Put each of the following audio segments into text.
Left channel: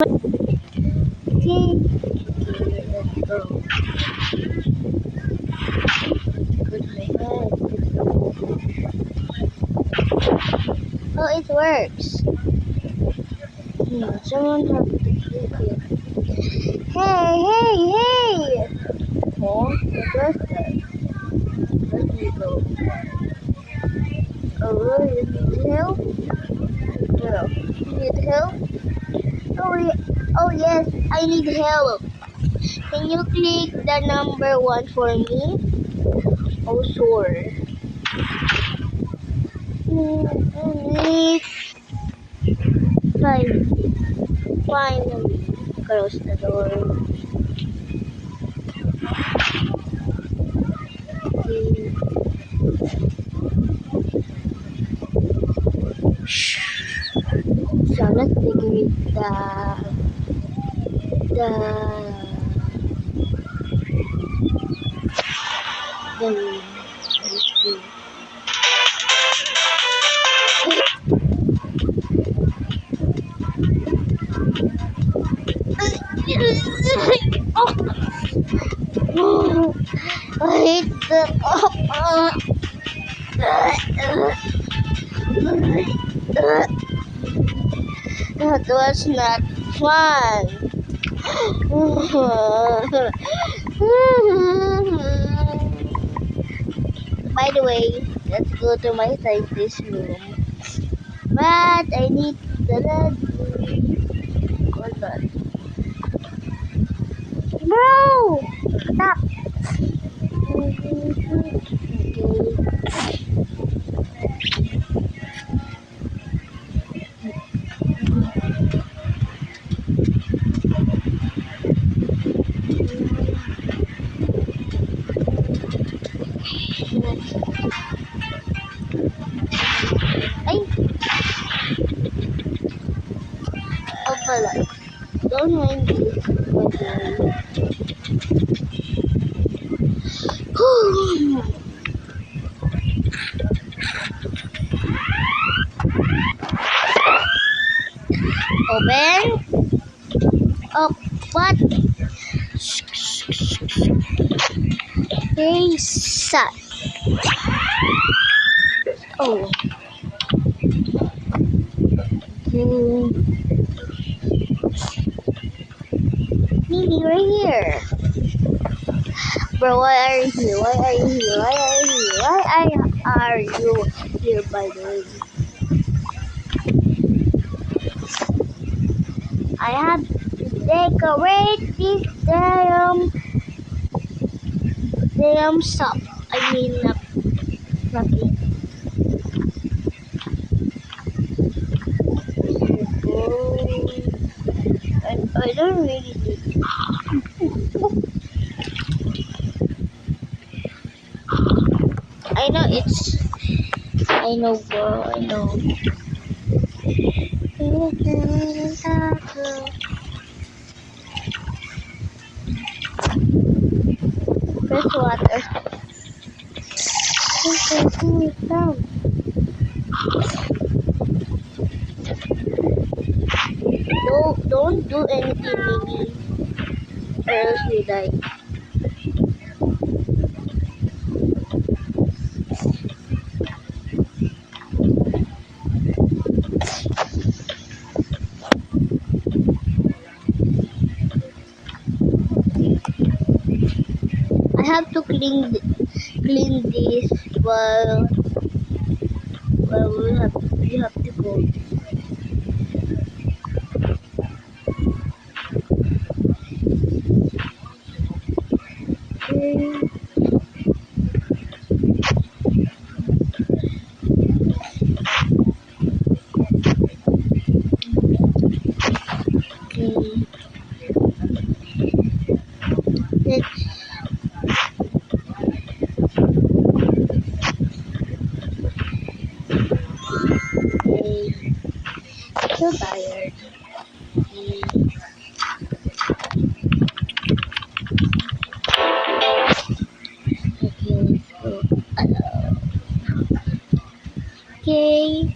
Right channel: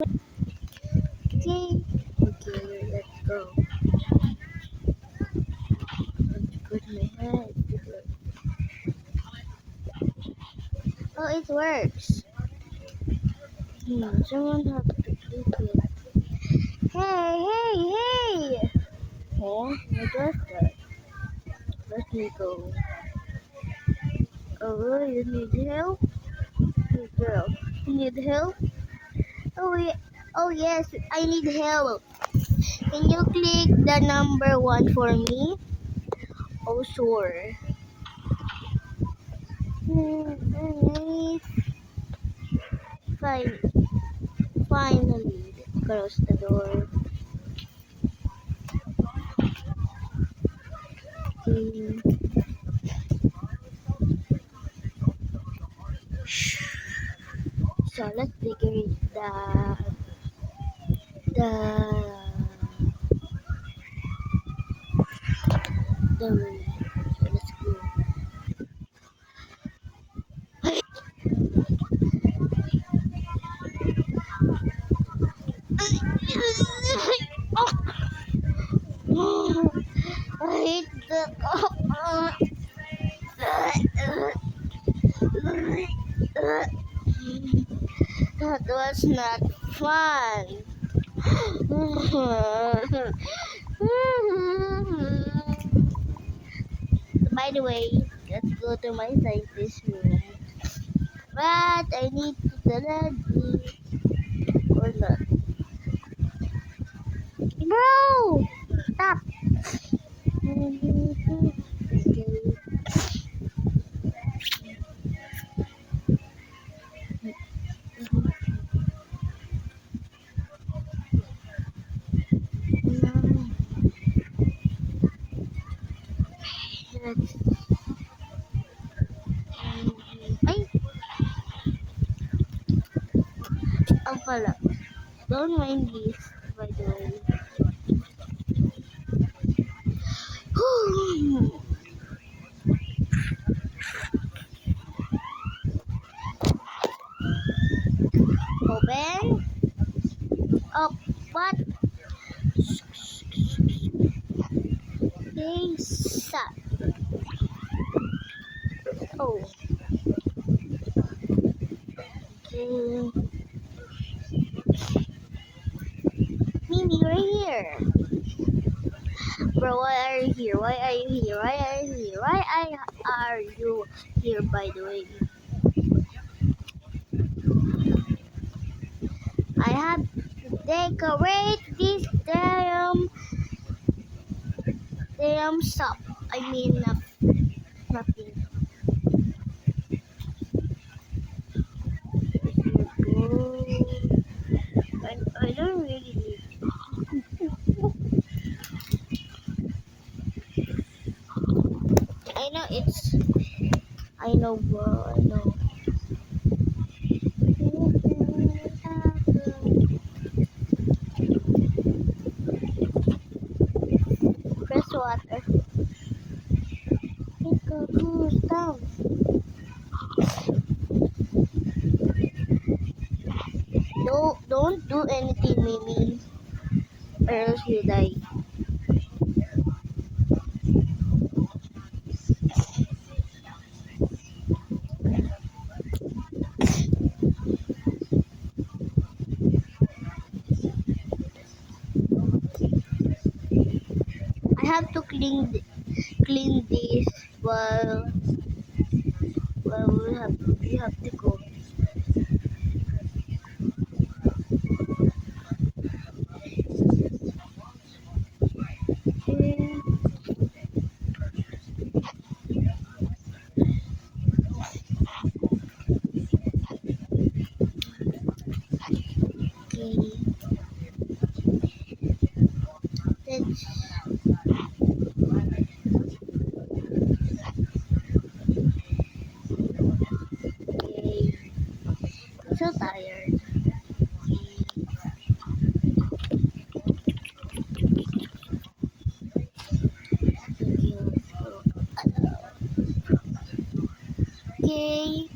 Okay, let's go. Go to my head. Oh, it works. Someone have to click it. Hey, hey, hey! Oh, what was that? Let me go. Oh, you need help? No. You need help? Oh yes, I need help. Can you click the number 1 for me? Oh, sure. I need 5. Finally, close the door. Okay. So let's begin with the oh, I hate that was not fun. By the way, let's go to my scientist room. But I need the lady. Hold on. Bro! Stop! Ay! Oh pala. Don't mind this. Open. Oh, what? Hey, son. Oh. Mimi, right here. Bro, why are you here? Why are you here? Why are you here? Why are you here, by the way? I have to decorate this damn shop. I mean, fucking. I don't really need. I know it's. I know, bro. I know. Fresh water. Down. Don't do anything, Mimi, or else you die. I have to clean this while we have to go. Let's so tired. Okay,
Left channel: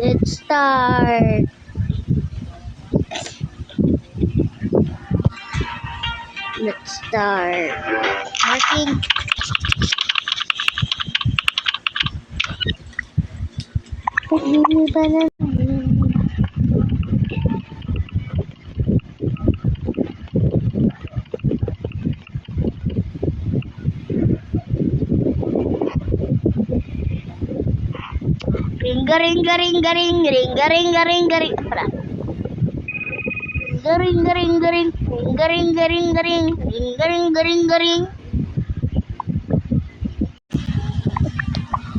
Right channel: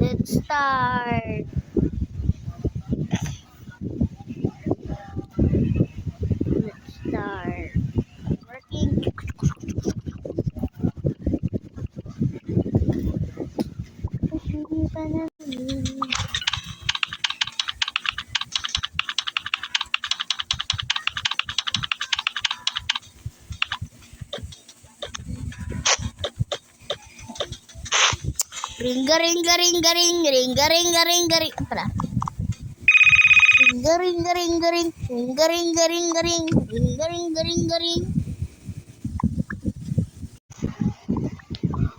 let's start. start working. Hindi ba na? Ring-a-ring-a-ring-a-ring, Para. Ring-a-ring-a-ring-a-ring, ring-a-ring-a-ring-a-ring, ring-a-ring-a-ring-a-ring.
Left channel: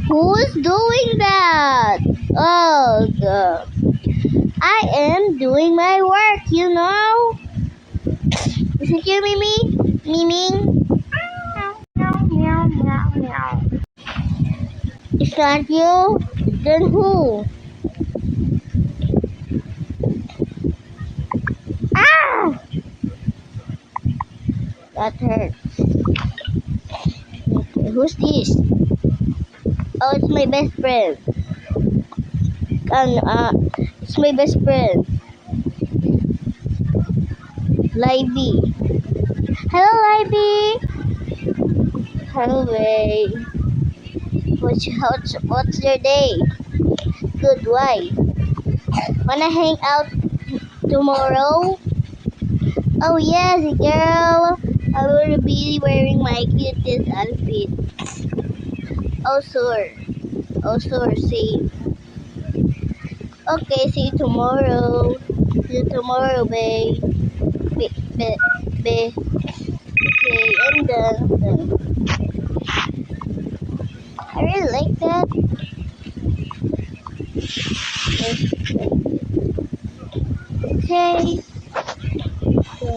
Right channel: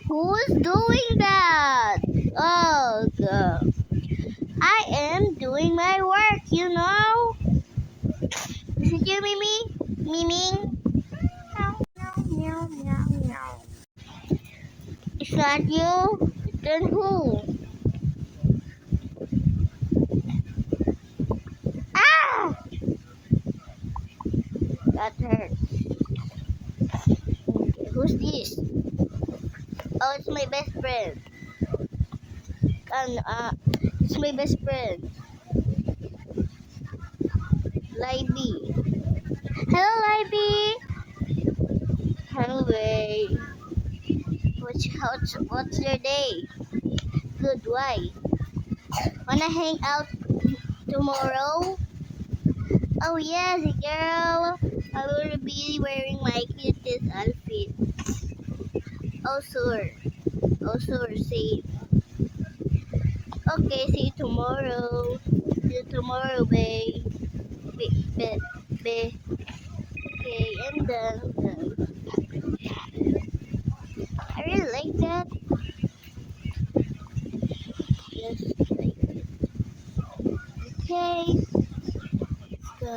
Who's doing that? Oh, I am doing my work, you know. Isn't you, Mimi? Mimi? Meow, meow, meow, meow. It's not you? Then who? Ah! That hurts. Who's this? Oh, it's my best friend. It's my best friend. Libby. Hello, Libby. Hello, Ray. What's your day? Good, why? Wanna hang out tomorrow? Oh yes, girl. I will be wearing my cutest outfit. Oh sure. Oh sure, see. Okay, see you tomorrow. See you tomorrow, babe. Babe. Okay, I'm done. I really like that. Okay. So,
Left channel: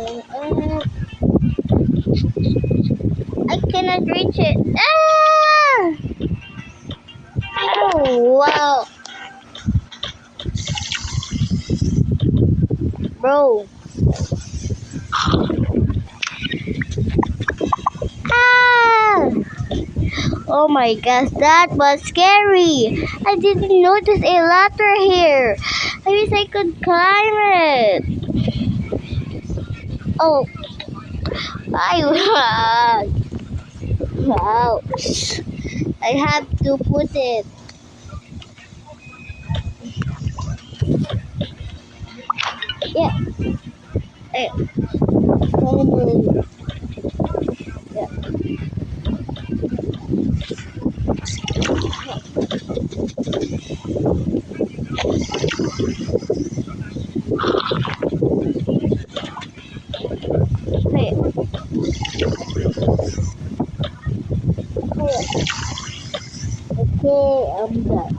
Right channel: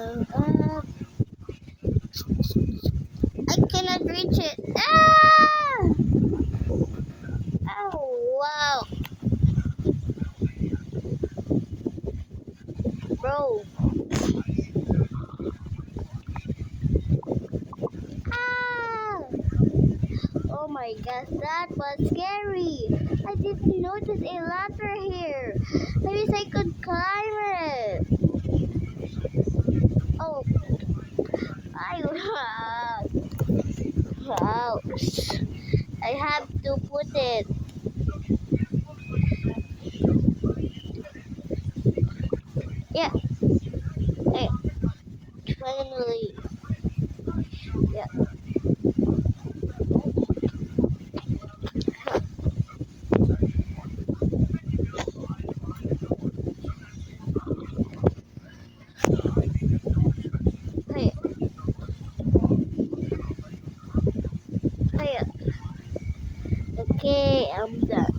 I cannot reach it. Ah! Oh, wow. Bro. Ah! Oh my gosh, that was scary. I didn't notice a ladder here. I wish I could climb it. Oh, I ouch. I have to put it. Yeah. Eh, finally. Yeah. Hey. Hey. Okay, I'm done.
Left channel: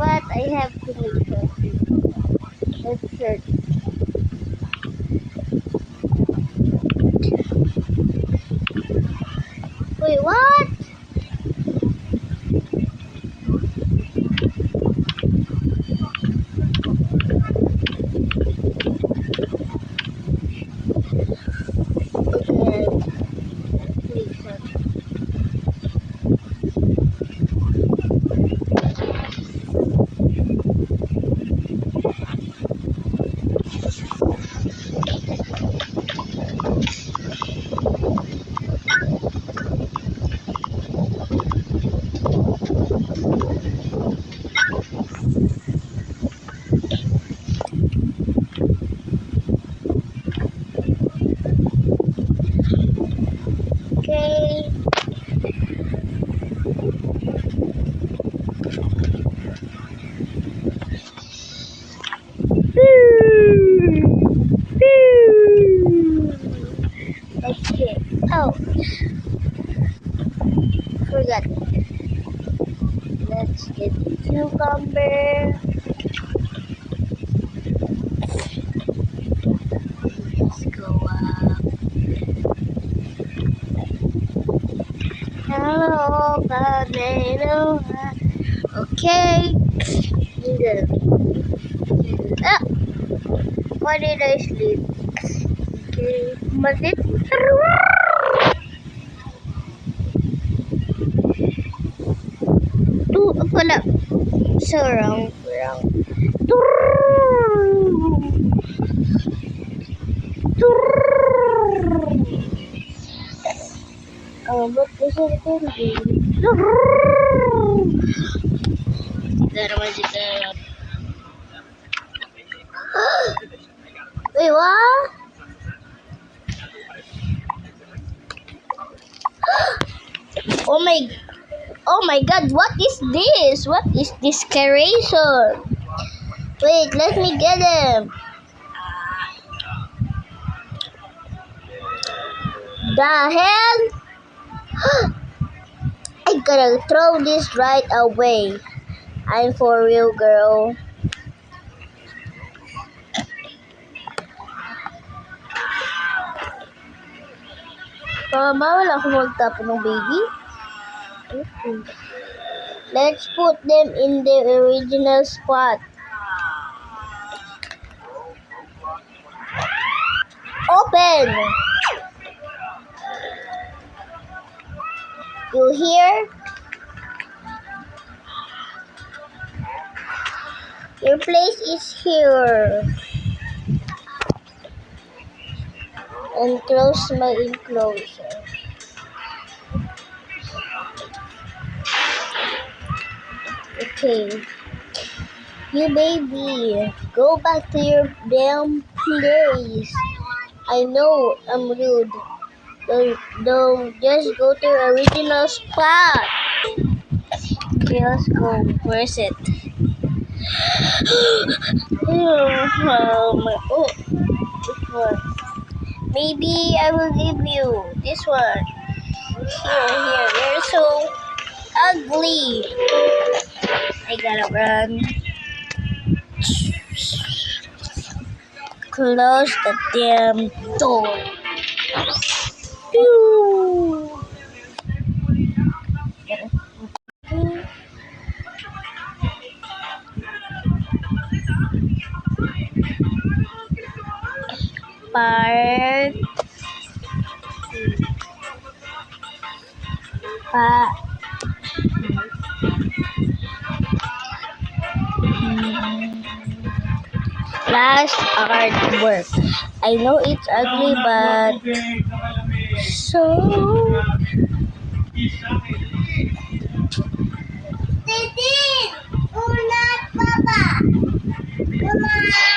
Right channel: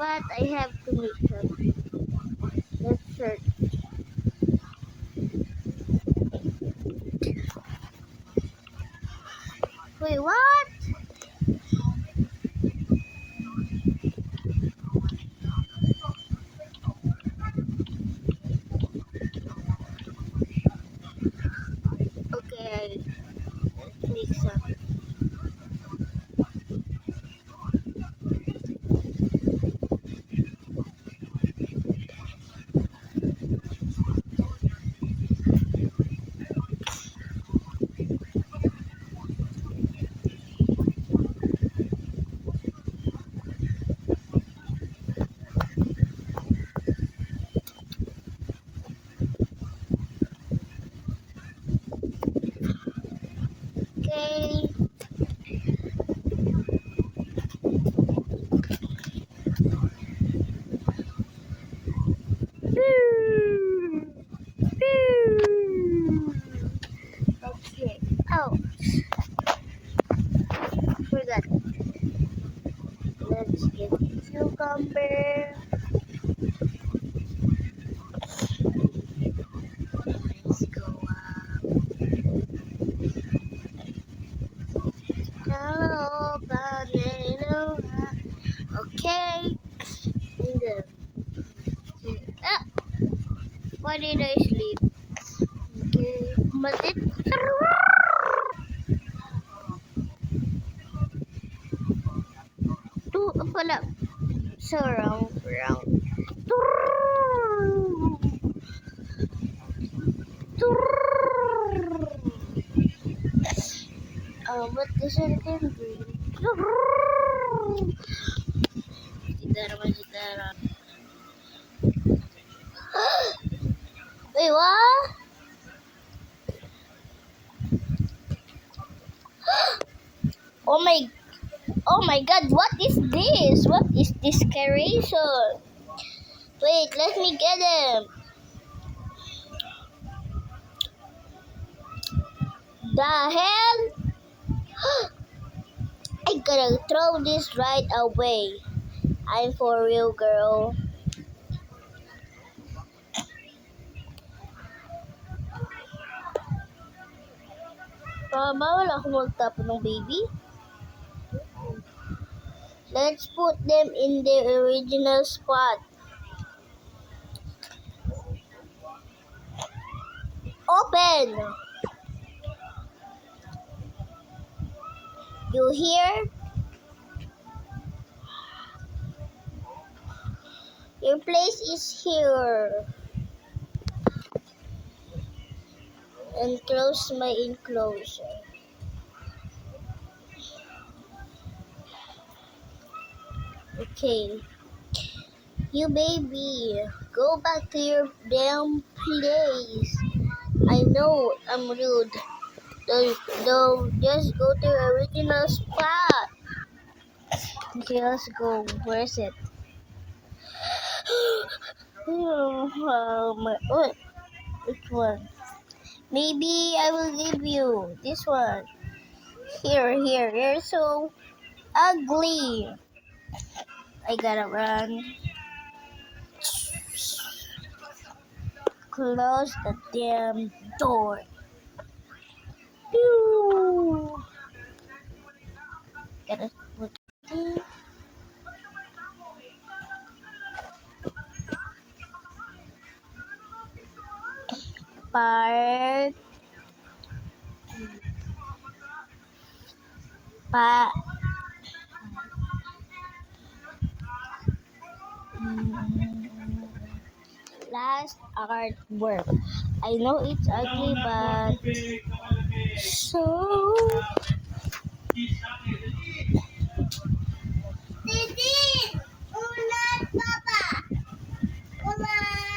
But I have to make sure. Let's search. Wait, what? Okay, make some. Okay. Okay. Oh, forgot. Let's get the cucumber. Let's go up. Hello, potato. Okay. Ah, why did I sleep? Okay. Malit. Wala. So round. What is it gonna be? Tidak naman kita. Wait, what? Oh my god, what is this? What is this creation? Wait, let me get him. The hell? I gotta throw this right away. I'm for real, girl. Bawal ako magtapon ng baby. Let's put them in the original spot. Open! You hear? Your place is here. And close my enclosure. Okay. You baby, go back to your damn place. I know I'm rude. Don't just go to your original spot. Okay, let's go. Where is it? Which one? Maybe I will give you this one. Here. They're so ugly. I gotta run. Close the damn door. Part. Last artwork. I know it's ugly, but so. Ulat, Papa. Ulat.